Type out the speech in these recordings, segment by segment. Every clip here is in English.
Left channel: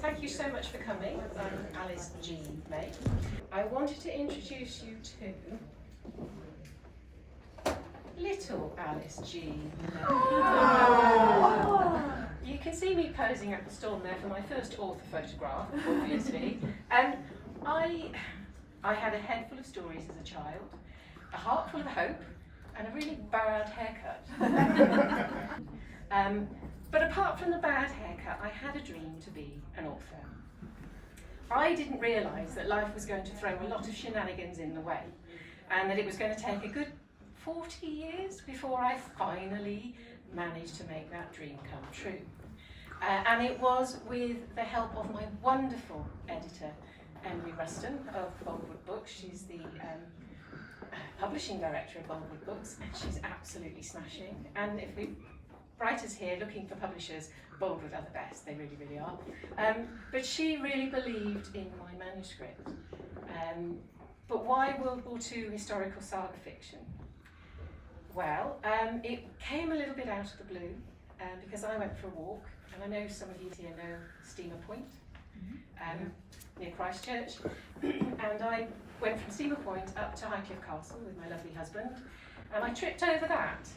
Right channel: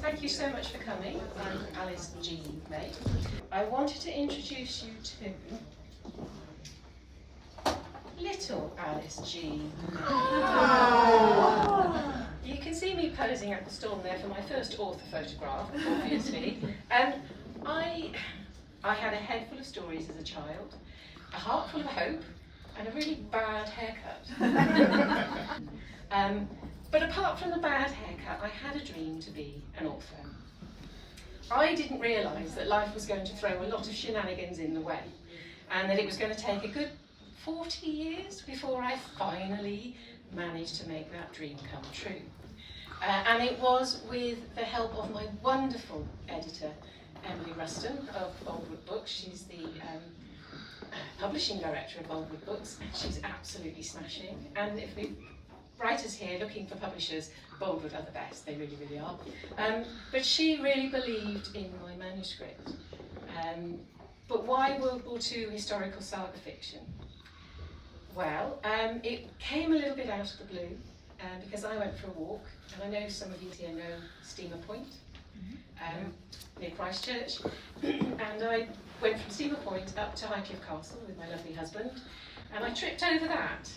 Thank you so much for coming. I'm Alice G. May. I wanted to introduce you to little Alice G. You can see me posing at the storm there for my first author photograph, obviously. I had a head full of stories as a child, a heart full of hope, and a really bad haircut. But apart from the bad haircut, I had a dream to be an author. I didn't realise that life was going to throw a lot of shenanigans in the way, and that it was going to take a good 40 years before I finally managed to make that dream come true. And it was with the help of my wonderful editor, Emily Ruston of Boldwood Books. She's the publishing director of Boldwood Books, and she's absolutely smashing. And if we writers here looking for publishers, Boldwood are the best, they really, really are. But she really believed in my manuscript. But why World War II historical saga fiction? Well, it came a little bit out of the blue because I went for a walk, and I know some of you here know Steamer Point, near Christchurch, and I went from Steamer Point up to Highcliffe Castle with my lovely husband, and I tripped over that,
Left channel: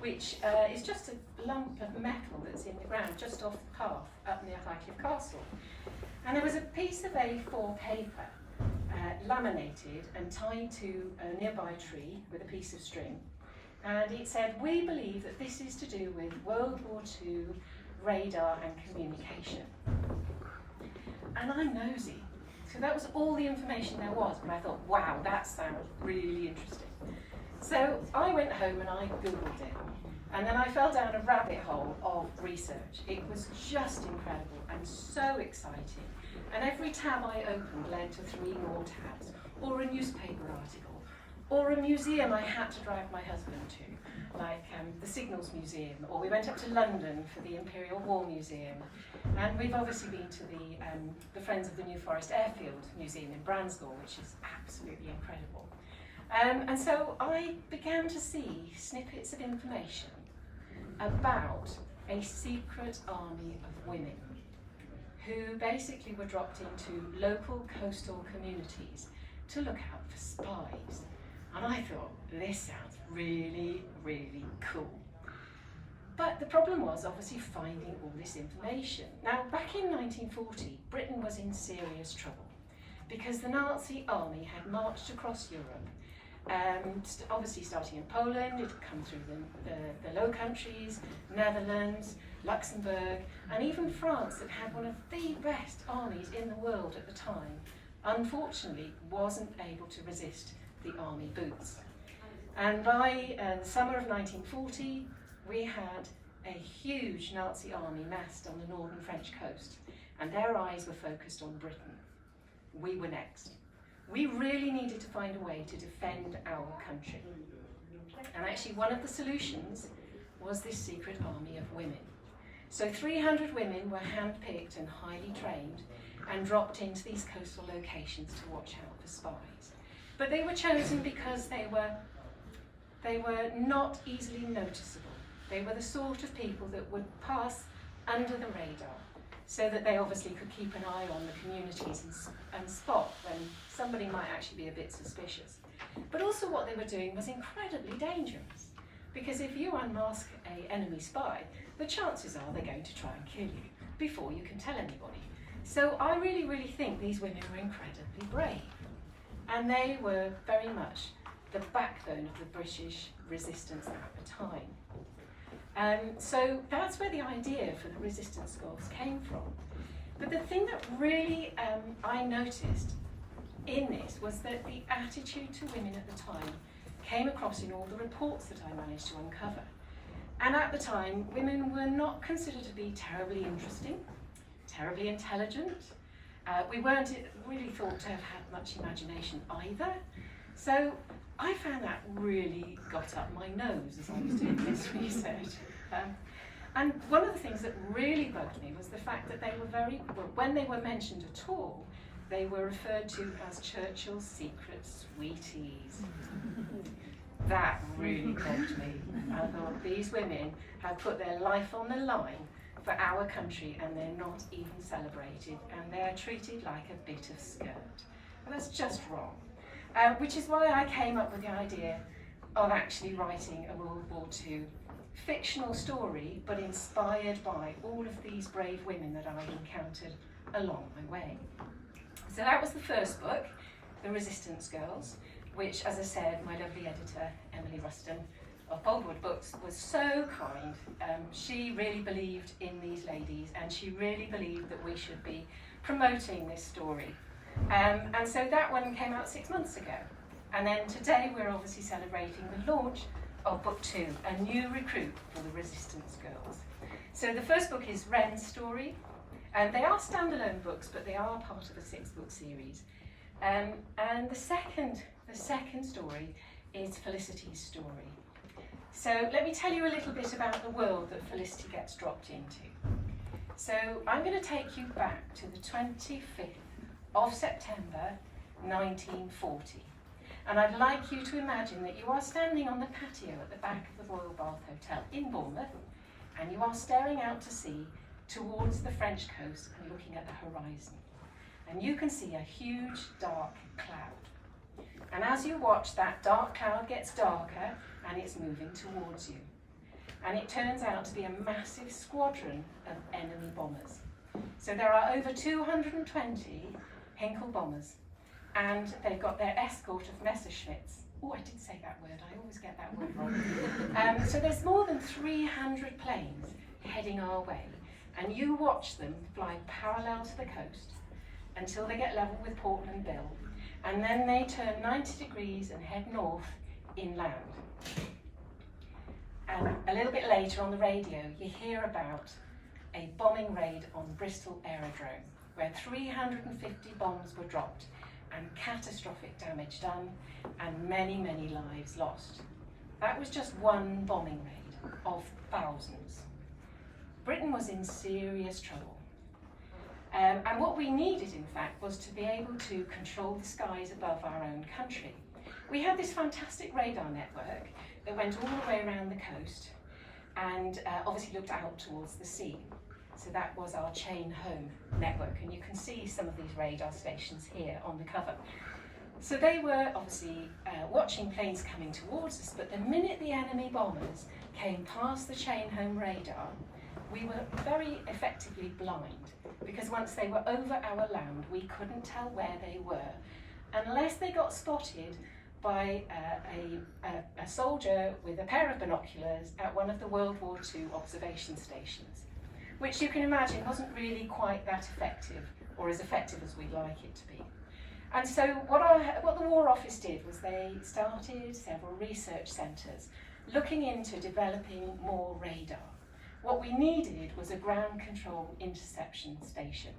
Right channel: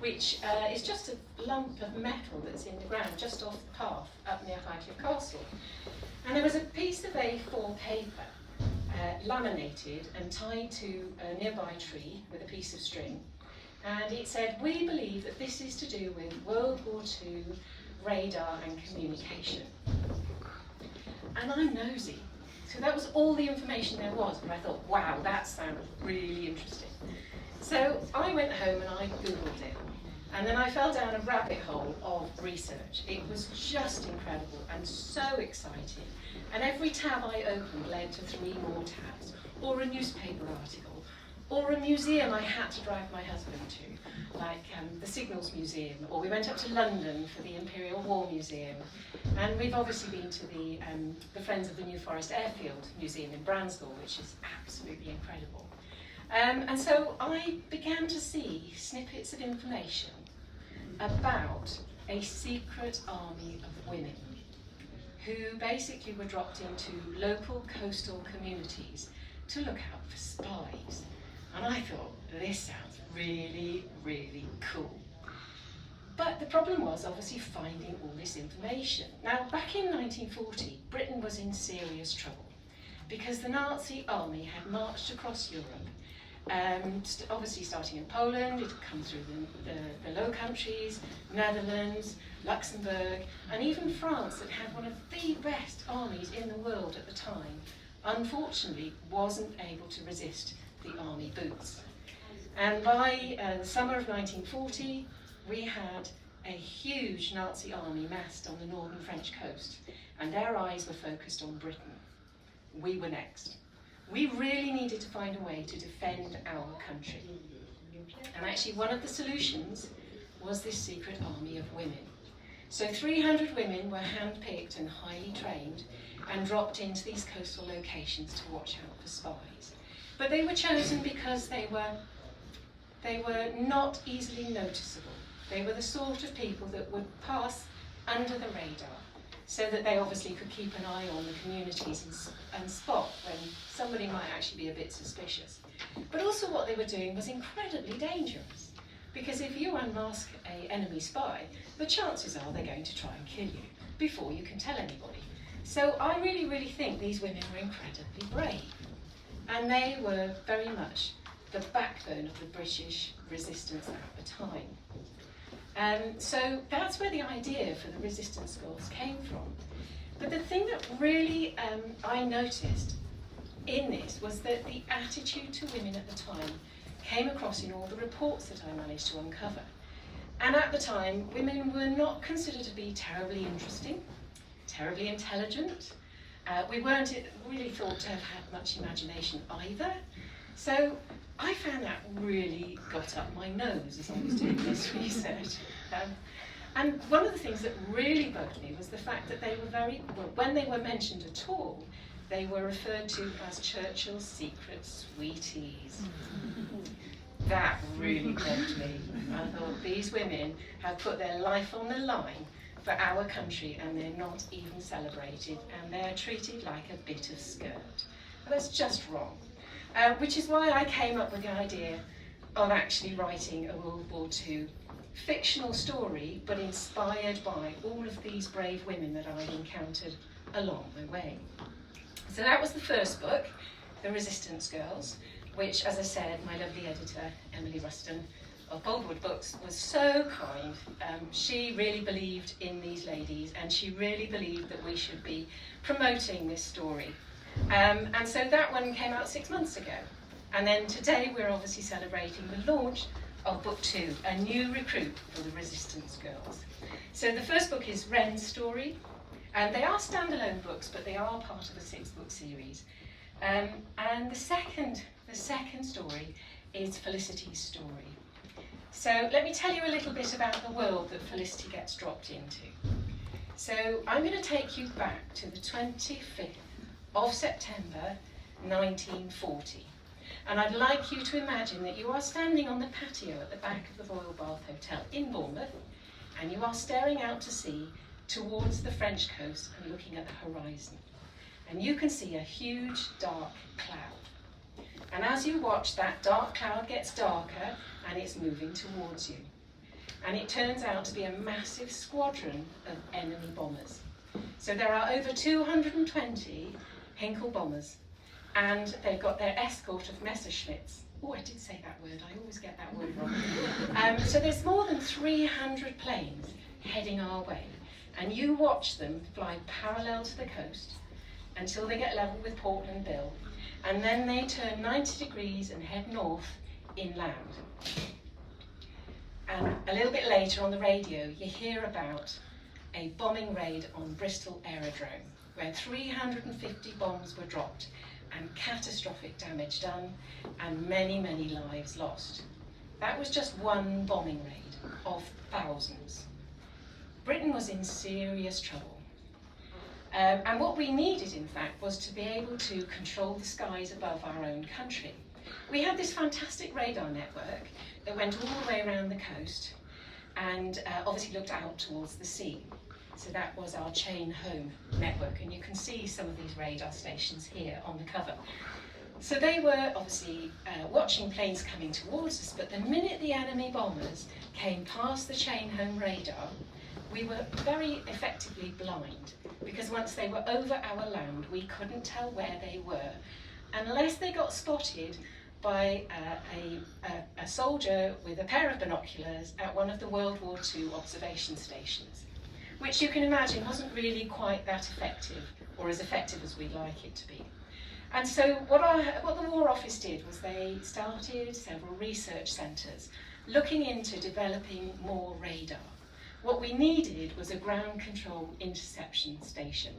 which is just a lump of metal that's in the ground just off the path up near Highcliffe Castle. And there was a piece of A4 paper laminated and tied to a nearby tree with a piece of string, and it said, "We believe that this is to do with World War II radar and communication." And I'm nosy, so that was all the information there was, and I thought, wow, that sounds really interesting. So I went home and I Googled it, and then I fell down a rabbit hole of research. It was just incredible and so exciting, and every tab I opened led to 3 more tabs, or a newspaper article, or a museum I had to drag my husband to, like the Signals Museum, or we went up to London for the Imperial War Museum, and we've obviously been to the Friends of the New Forest Airfield Museum in Bransgall, which is absolutely incredible. And so I began to see snippets of information about a secret army of women who basically were dropped into local coastal communities to look out for spies. And I thought, this sounds really, really cool. But the problem was obviously finding all this information. Now, back in 1940, Britain was in serious trouble because the Nazi army had marched across Europe, obviously starting in Poland. It had come through the Low Countries, Netherlands, Luxembourg, and even France, that had one of the best armies in the world at the time, unfortunately wasn't able to resist the army boots. And by the summer of 1940, we had a huge Nazi army massed on the northern French coast, and their eyes were focused on Britain. We were next. We really needed to find a way to defend our country. And actually one of the solutions was this secret army of women. So 300 women were handpicked and highly trained and dropped into these coastal locations to watch out for spies. But they were chosen because they were not easily noticeable. They were the sort of people that would pass under the radar, so that they obviously could keep an eye on the communities and spot when somebody might actually be a bit suspicious. But also what they were doing was incredibly dangerous, because if you unmask an enemy spy, the chances are they're going to try and kill you before you can tell anybody. So I really, really think these women were incredibly brave, and they were very much the backbone of the British resistance at the time. So that's where the idea for the resistance force came from. But the thing that really I noticed in this was that the attitude to women at the time came across in all the reports that I managed to uncover. And at the time, women were not considered to be terribly interesting, terribly intelligent. We weren't really thought to have had much imagination either. So I found that really got up my nose as I was doing this research. And one of the things that really bugged me was the fact that they were when they were mentioned at all, they were referred to as Churchill's secret sweeties. That really bugged me. I thought these women have put their life on the line for our country, and they're not even celebrated, and they're treated like a bit of skirt. And that's just wrong. Which is why I came up with the idea of actually writing a World War II fictional story, but inspired by all of these brave women that I encountered along my way. So that was the first book, The Resistance Girls, which, as I said, my lovely editor, Emily Ruston of Boldwood Books, was so kind. She really believed in these ladies, and she really believed that we should be promoting this story. And so that one came out 6 months ago. And then today we're obviously celebrating the launch of Book 2, a new recruit for the Resistance Girls. So the first book is Wren's story, and they are standalone books, but they are part of a 6-book series. And the second story is Felicity's story. So let me tell you a little bit about the world that Felicity gets dropped into. So I'm going to take you back to the 25th of September 1940. And I'd like you to imagine that you are standing on the patio at the back of the Royal Bath Hotel in Bournemouth, and you are staring out to sea towards the French coast and looking at the horizon. And you can see a huge dark cloud. And as you watch, that dark cloud gets darker and it's moving towards you. And it turns out to be a massive squadron of enemy bombers. So there are over 220 Hinkle bombers, and they've got their escort of Messerschmitts. Oh, I did say that word, I always get that word wrong. So there's more than 300 planes heading our way, and you watch them fly parallel to the coast until they get level with Portland Bill, and then they turn 90 degrees and head north inland. And a little bit later on the radio, you hear about a bombing raid on Bristol Aerodrome, where 350 bombs were dropped and catastrophic damage done and many, many lives lost. That was just one bombing raid of thousands. Britain was in serious trouble. And what we needed, in fact, was to be able to control the skies above our own country. We had this fantastic radar network that went all the way around the coast and obviously looked out towards the sea. So that was our chain home network, and you can see some of these radar stations here on the cover. So they were obviously watching planes coming towards us, but the minute the enemy bombers came past the chain home radar, we were very effectively blind, because once they were over our land, we couldn't tell where they were, unless they got spotted by a soldier with a pair of binoculars at one of the World War II observation stations, which you can imagine wasn't really quite that effective, or as effective as we'd like it to be. And so what the War Office did was they started several research centres looking into developing more radar. What we needed was a ground control interception station.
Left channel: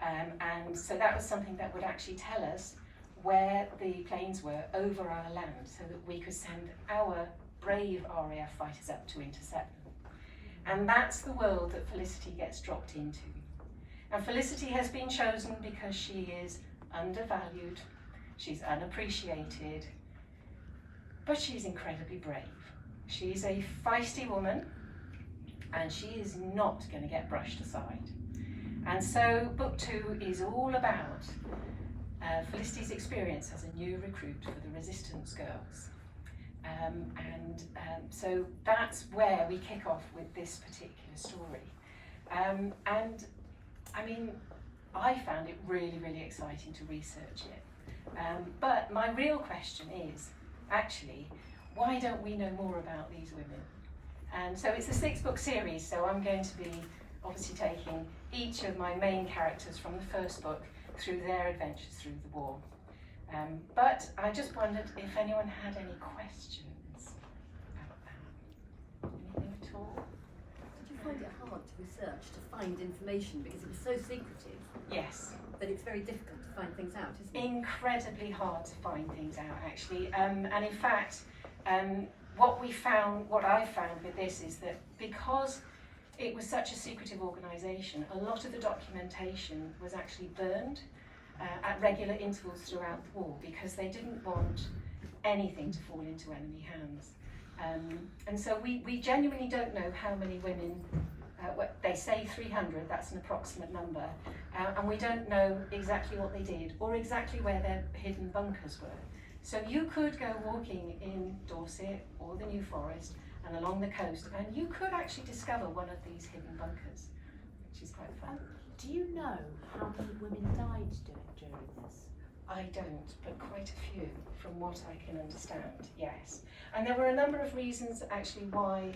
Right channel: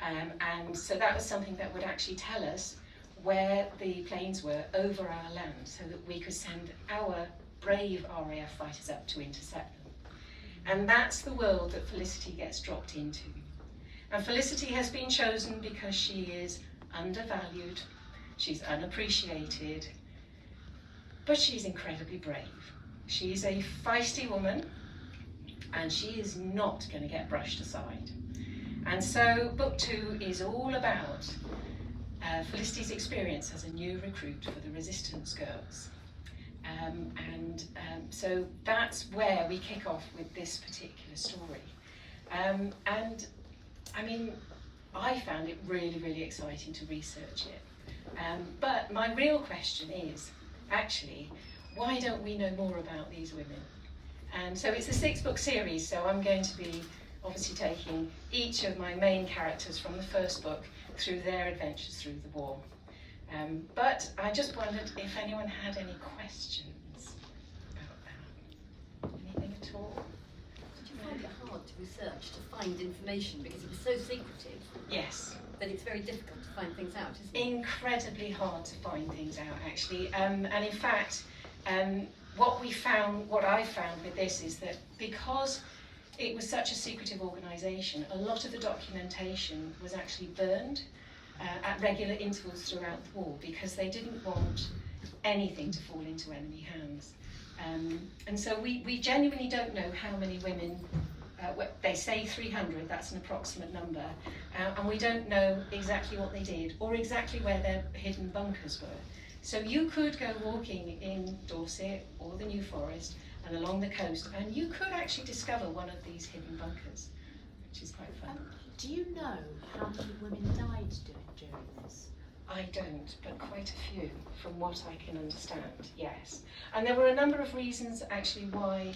And so that was something that would actually tell us where the planes were over our land, so that we could send our brave RAF fighters up to intercept them. And that's the world that Felicity gets dropped into. And Felicity has been chosen because she is undervalued, she's unappreciated, but she's incredibly brave. She's a feisty woman, and she is not going to get brushed aside. And so Book 2 is all about Felicity's experience as a new recruit for the Resistance Girls. So that's where we kick off with this particular story. And I mean, I found it really, really exciting to research it. But my real question is, actually, why don't we know more about these women? And so it's a 6-book series, so I'm going to be obviously taking each of my main characters from the first book through their adventures through the war. But I just wondered if anyone had any questions about that. Anything at all? Did you find it hard to research, to find information, because it was so secretive? Yes. That it's very difficult to find things out, isn't it? Incredibly hard to find things out, actually. And in fact, what I found with this is that because it was such a secretive organisation, a lot of the documentation was actually burned at regular intervals throughout the war, because they didn't want anything to fall into enemy hands. And so we genuinely don't know how many women they say 300, that's an approximate number, and we don't know exactly what they did or exactly where their hidden bunkers were. So you could go walking in Dorset or the New Forest and along the coast, and you could actually discover one of these hidden bunkers, which is quite fun. Do you know how many women died during this? I don't, but quite a few, from what I can understand, yes. And there were a number of reasons actually why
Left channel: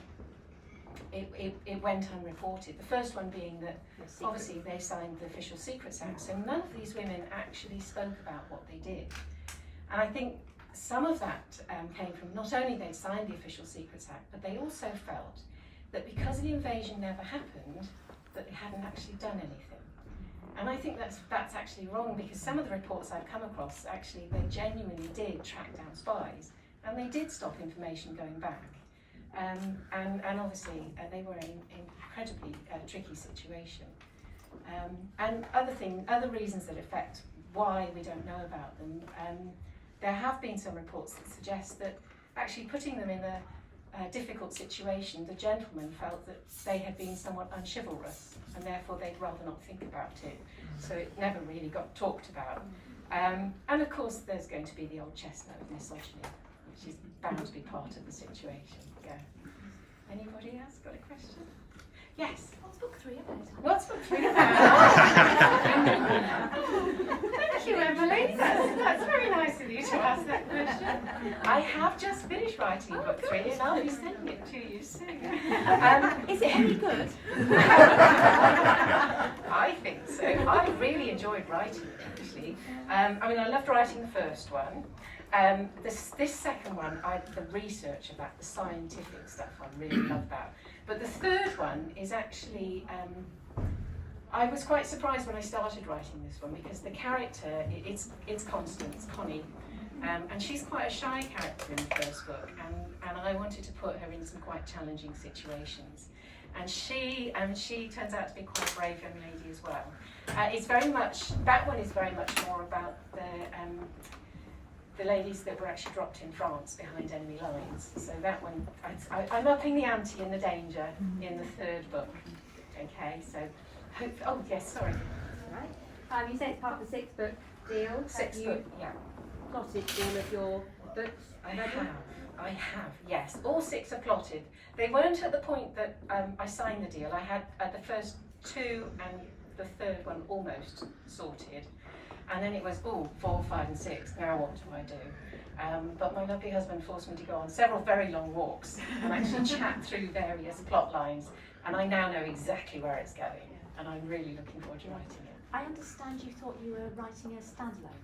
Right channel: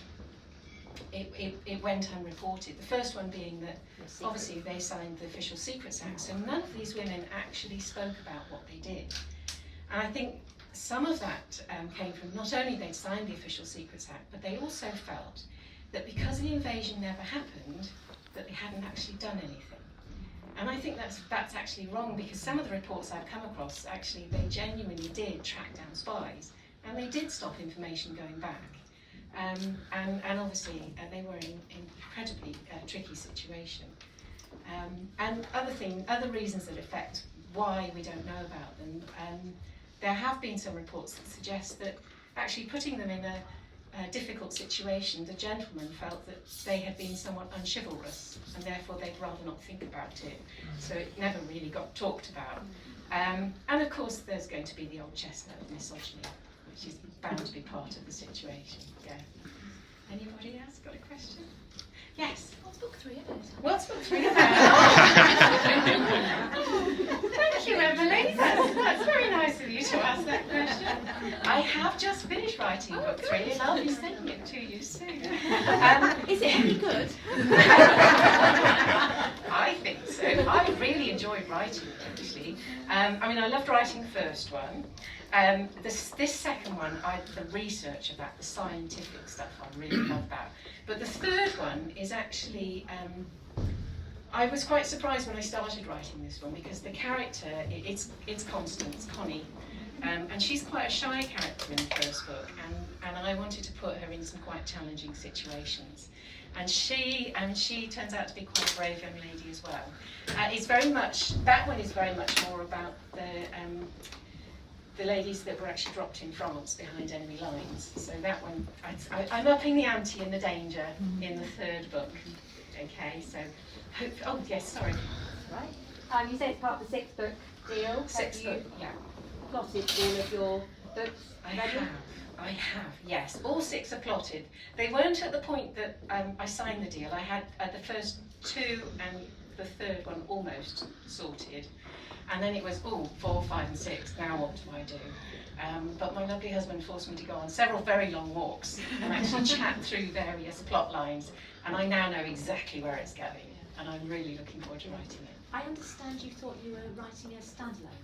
it went unreported. The first one being that obviously they signed the Official Secrets Act, so none of these women actually spoke about what they did. And I think some of that came from not only they'd signed the Official Secrets Act, but they also felt that because the invasion never happened, that they hadn't actually done anything. And I think that's actually wrong, because some of the reports I've come across, actually they genuinely did track down spies, and they did stop information going back. And obviously they were in an incredibly tricky situation. And other reasons that affect why we don't know about them, there have been some reports that suggest that actually putting them in a difficult situation, the gentlemen felt that they had been somewhat unchivalrous, and therefore they'd rather not think about it. So it never really got talked about. And of course there's going to be the old chestnut of misogyny, which is bound to be part of the situation. Yeah. Anybody else got a question? Yes. What's book 3 about? What's book 3 about? Thank you, Emily. That's very nice of you to ask that question. I have just finished writing book 3, and I'll be sending it to you soon. Is it any good? I think so. I really enjoyed writing it, actually. I mean, I loved writing the first one. This second one, the research about the scientific stuff, I really love that. But the third one is actually, I was quite surprised when I started writing this one, because the character, it's Constance, Connie, and she's quite a shy character in the first book, and I wanted to put her in some quite challenging situations. And she turns out to be quite a brave young lady as well. That one is very much more about the ladies that were actually dropped in France behind enemy lines. So that one, I'm upping the ante and the danger in the third book. Okay, so, oh yes, sorry. Right. You say it's part of the 6th book deal. Sixth Have you book, yeah. plotted all of your books? I have, yes. All 6 are plotted. They weren't at the point that I signed the deal. I had the first 2 and the third one almost sorted. And then it was, 4, 5 and 6, now what do I do? But my lovely husband forced me to go on several very long walks and actually chat through various plot lines. And I now know exactly where it's going. And I'm really looking forward to writing it. I understand you thought you were writing a standalone.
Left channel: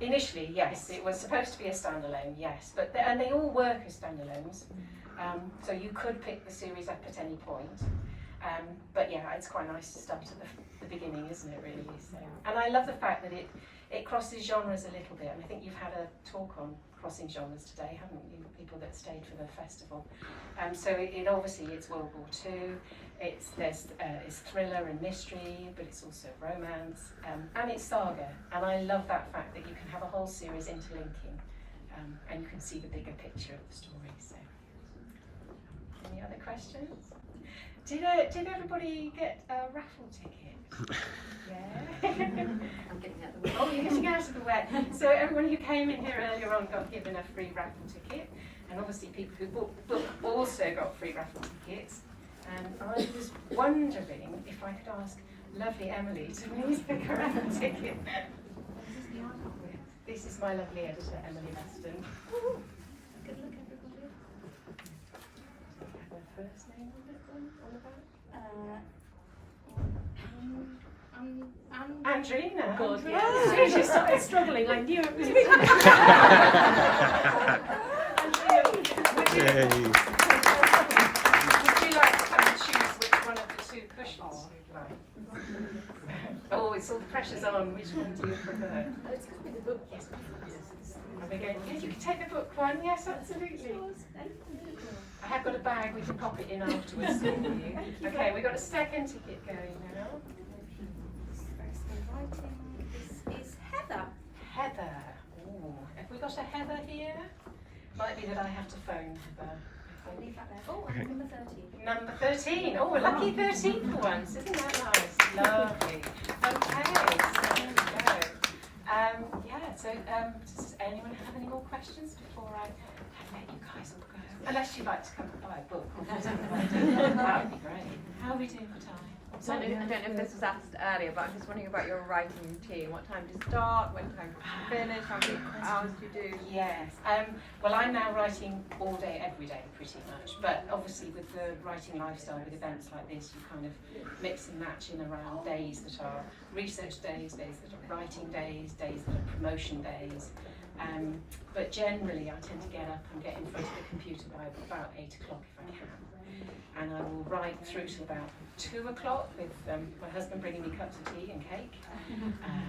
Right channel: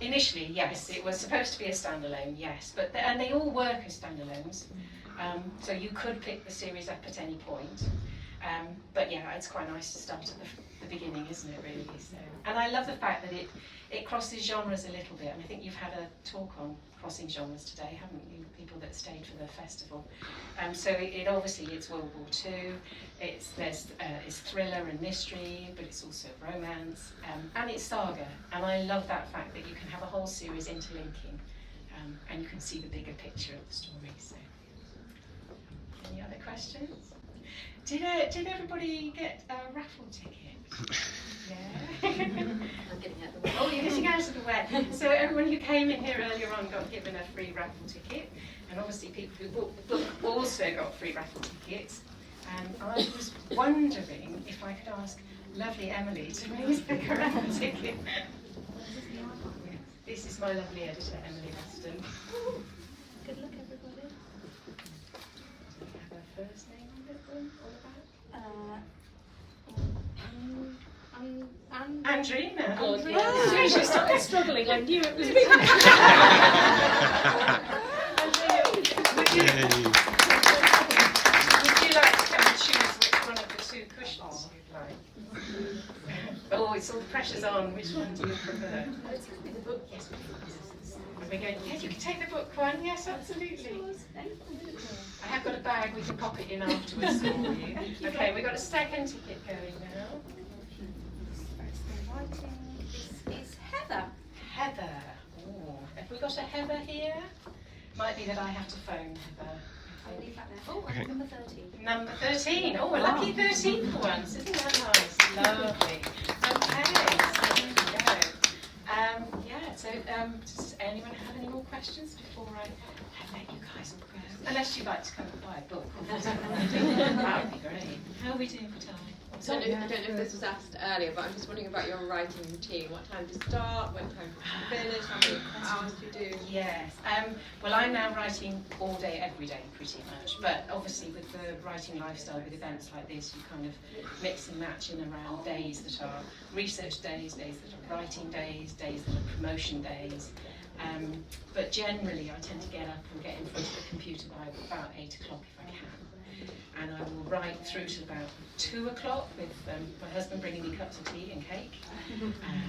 Initially, yes, it was supposed to be a standalone, yes. But and they all work as standalones. So you could pick the series up at any point. But yeah, it's quite nice to start at the beginning, isn't it, really? So, and I love the fact that it crosses genres a little bit, and I think you've had a talk on crossing genres today, haven't you, people that stayed for the festival. So it obviously, it's World War II, it's thriller and mystery, but it's also romance, and it's saga, and I love that fact that you can have a whole series interlinking, and you can see the bigger picture of the story. So, any other questions? Did everybody get a raffle ticket? Yeah. I'm getting out of the way. Oh, you're getting out of the way. So everyone who came in here earlier on got given a free raffle ticket, and obviously people who bought the book also got free raffle tickets. And I was wondering if I could ask lovely Emily to please pick a raffle ticket. This is my lovely editor, Emily Aston. Good luck, everybody. Have her first name on it then, all about? Andrina. Oh, she started struggling. I knew it was me. Andrina, would you like to choose which one of the 2 cushions you'd like? Oh, it's all the pressure's on. Which one do you prefer? Let's give me the book. Yes, please. Are we going? Yeah, you can take the book one. Yes, absolutely. I have got a bag. We can pop it in afterwards for you. Okay, we've got a second ticket going now. This is Heather. Heather. Ooh. Have we got a Heather here? Might be that I have to phone Heather. I'll leave that there. Oh, Okay. number 13. Number 13. Oh, a lucky 13 for once. Isn't that nice? Lovely. Okay, so there we go. Does anyone have any more questions before I let you guys all go? Unless you'd like to come and buy a book. That would be great. How are we doing for time? I don't know if this was asked earlier, but I'm just wondering about your writing routine. What time do you start? What time do you finish? How many hours do you do? Yes. Well, I'm now writing all day, every day, pretty much. But obviously, with the writing lifestyle, with events like this, you kind of mix and match in around days that are research days, days that are writing days, days that are promotion days. But generally, I tend to get up and get in front of the computer by about 8 o'clock if I can. And I will write through to about 2 o'clock with my husband bringing me cups of tea and cake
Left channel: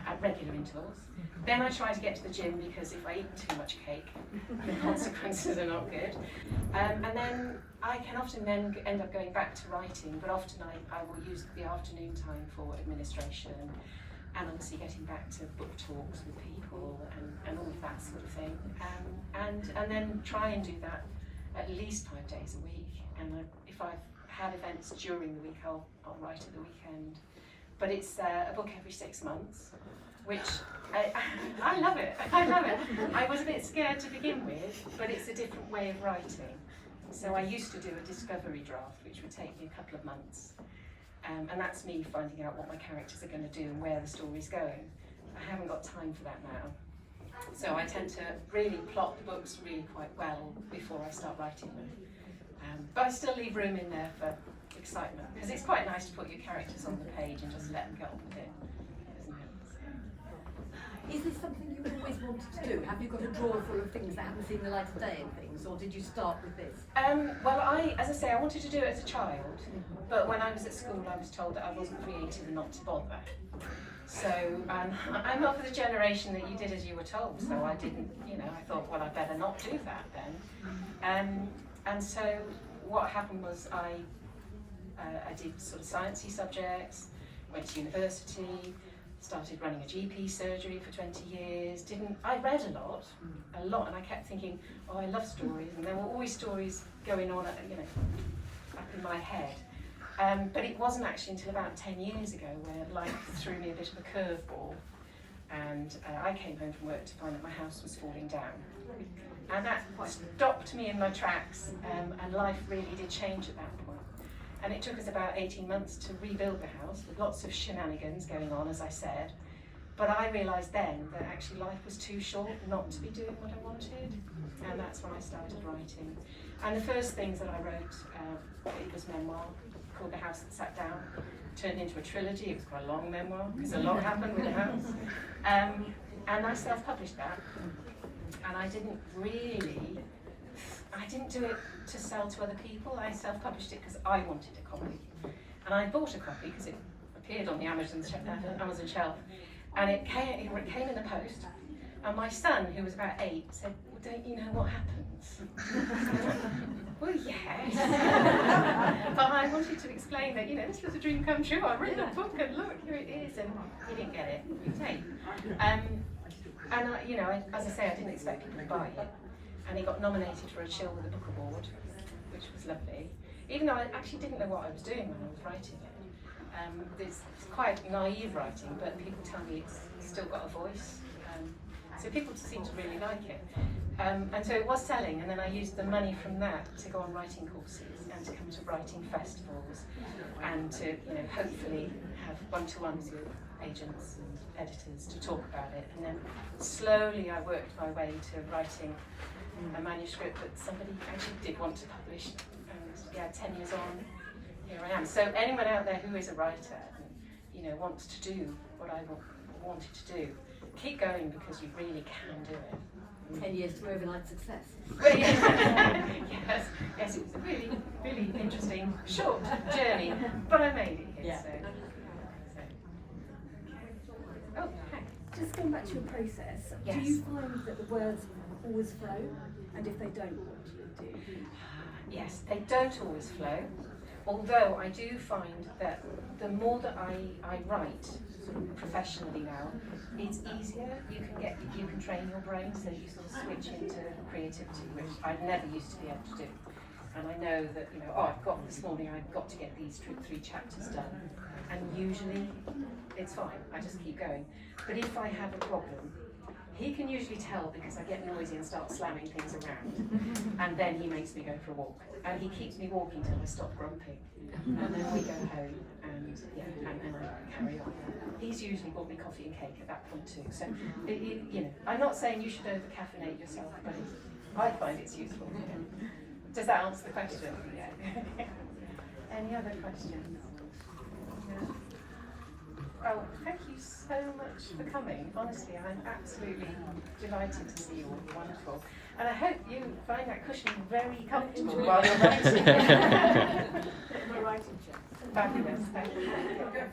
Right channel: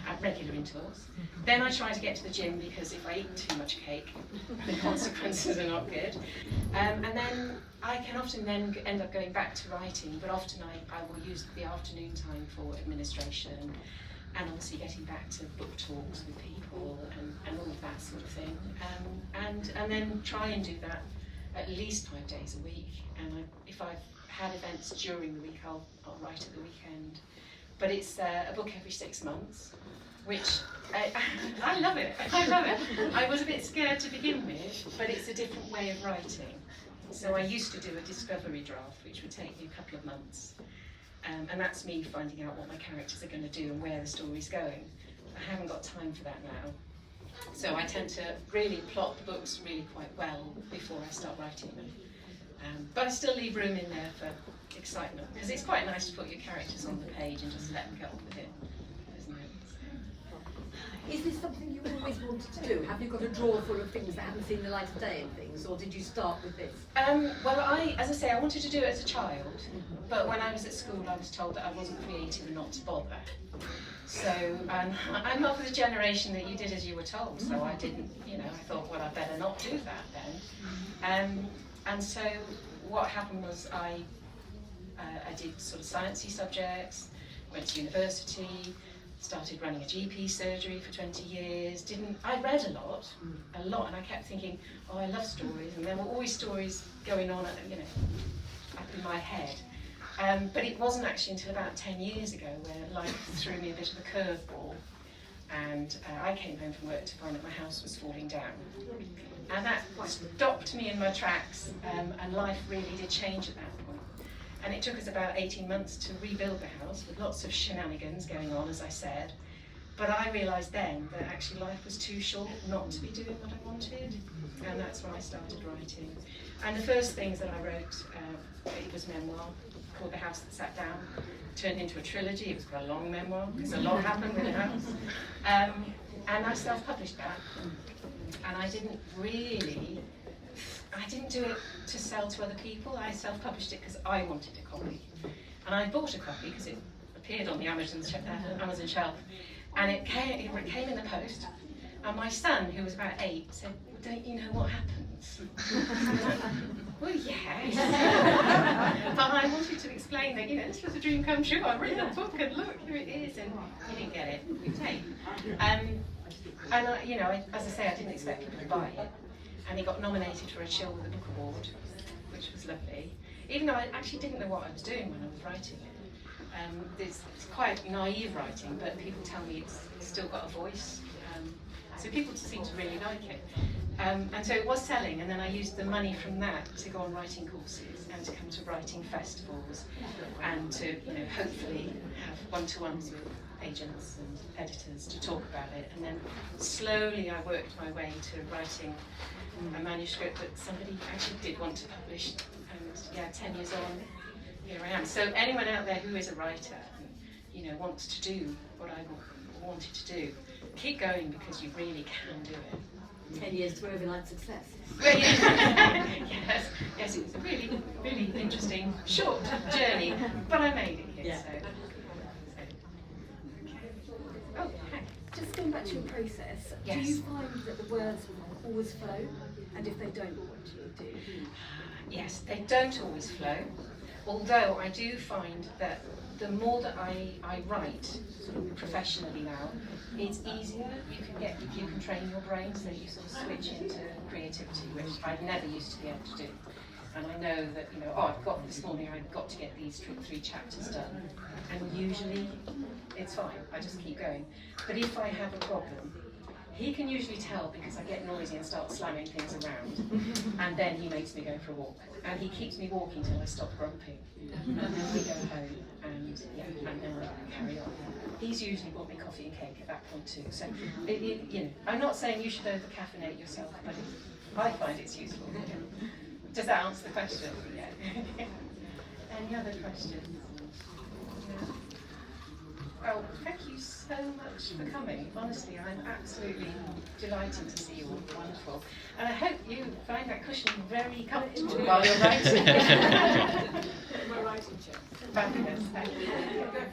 at regular intervals. Then I try to get to the gym because if I eat too much cake, the consequences are not good. And then I can often then end up going back to writing, but often I will use the afternoon time for administration and obviously getting back to book talks with people and all of that sort of thing. And then try and do that at least 5 days a week. And if I've had events during the week, I'll write at the weekend. But it's a book every 6 months, which I love it. I love it. I was a bit scared to begin with, but it's a different way of writing. So I used to do a discovery draft, which would take me a couple of months. And that's me finding out what my characters are going to do and where the story's going. I haven't got time for that now. So I tend to really plot the books really quite well before I start writing them. But I still leave room in there for excitement, because it's quite nice to put your characters on the page and just let them get on with it, isn't it? Is this something you always wanted to do? Have you got a drawer full of things that haven't seen the light of day and things, or did you start with this? Well, as I say, I wanted to do it as a child, but when I was at school I was told that I wasn't creative and not to bother. So I'm not for the generation that you did as you were told, so I didn't, I thought, well, I better not do that then. And so what happened was I did sort of sciencey subjects, went to university, started running a GP surgery for 20 years. I read a lot, and I kept thinking, oh, I love stories, and there were always stories going on, up in my head. But it wasn't actually until about 10 years ago where life threw me a bit of a curveball, and I came home from work to find that my house was falling down. And that stopped me in my tracks, and life really did change at that point. And it took us about 18 months to rebuild the house with lots of shenanigans going on, as I said. But I realised then that actually life was too short not to be doing what I wanted, and that's when I started writing. And the first things that I wrote, it was memoir, called The House That Sat Down, turned into a trilogy. It was quite a long memoir, because a lot happened with the house. And I self-published that. And I didn't do it to sell to other people. I self-published it because I wanted a copy. And I bought a copy because it appeared on the Amazon shelf. And it came in the post. And my son, who was about 8, said, well, don't you know what happens? Well, yes. But I wanted to explain that, this was a dream come true. I read the book and look, here it is. And he didn't get it. As I say, I didn't expect people to buy it. And he got nominated for a Chill with a Book Award, which was lovely. Even though I actually didn't know what I was doing when I was writing it. It's quite naive writing, but people tell me it's still got a voice. So people seem to really like it. And so it was selling, and then I used the money from that to go on writing courses and to come to writing festivals and to, hopefully have one-to-ones with agents and editors to talk about it. And then slowly I worked my way to writing a manuscript that somebody actually did want to publish. And 10 years on, here I am. So anyone out there who is a writer and wants to do what I wanted to do, keep going, because you really can do it. 10 years to overnight success. Well, yes, it was a really, really interesting, short journey, but I made it here. Yeah. Oh, okay. Just going back to your process, Yes. do you find that the words always flow? And if they don't, what do you do? Yes, they don't always flow, although I do find that the more that I write sort of professionally now, it's easier. You can train your brain so that you sort of switch into creativity, which I never used to be able to do. and I know that, you know, oh, this morning I've got to get these 3 chapters done, and usually it's fine, I just keep going. But if I have a problem, he can usually tell because I get noisy and start slamming things around, and then he makes me go for a walk, and he keeps me walking till I stop grumping, and then we go home, and then I carry on. He's usually bought me coffee and cake at that point too. So, you know, I'm not saying you should over-caffeinate yourself, but I find it's useful. Does that answer the question? Yeah. Any other questions? Oh, thank you so much for coming. Honestly, I'm absolutely delighted to see you all. Wonderful. And I hope you find that cushion very comfortable while you're writing. We're writing chairs. Fabulous. Thank you.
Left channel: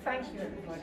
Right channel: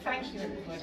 Thank you, everybody.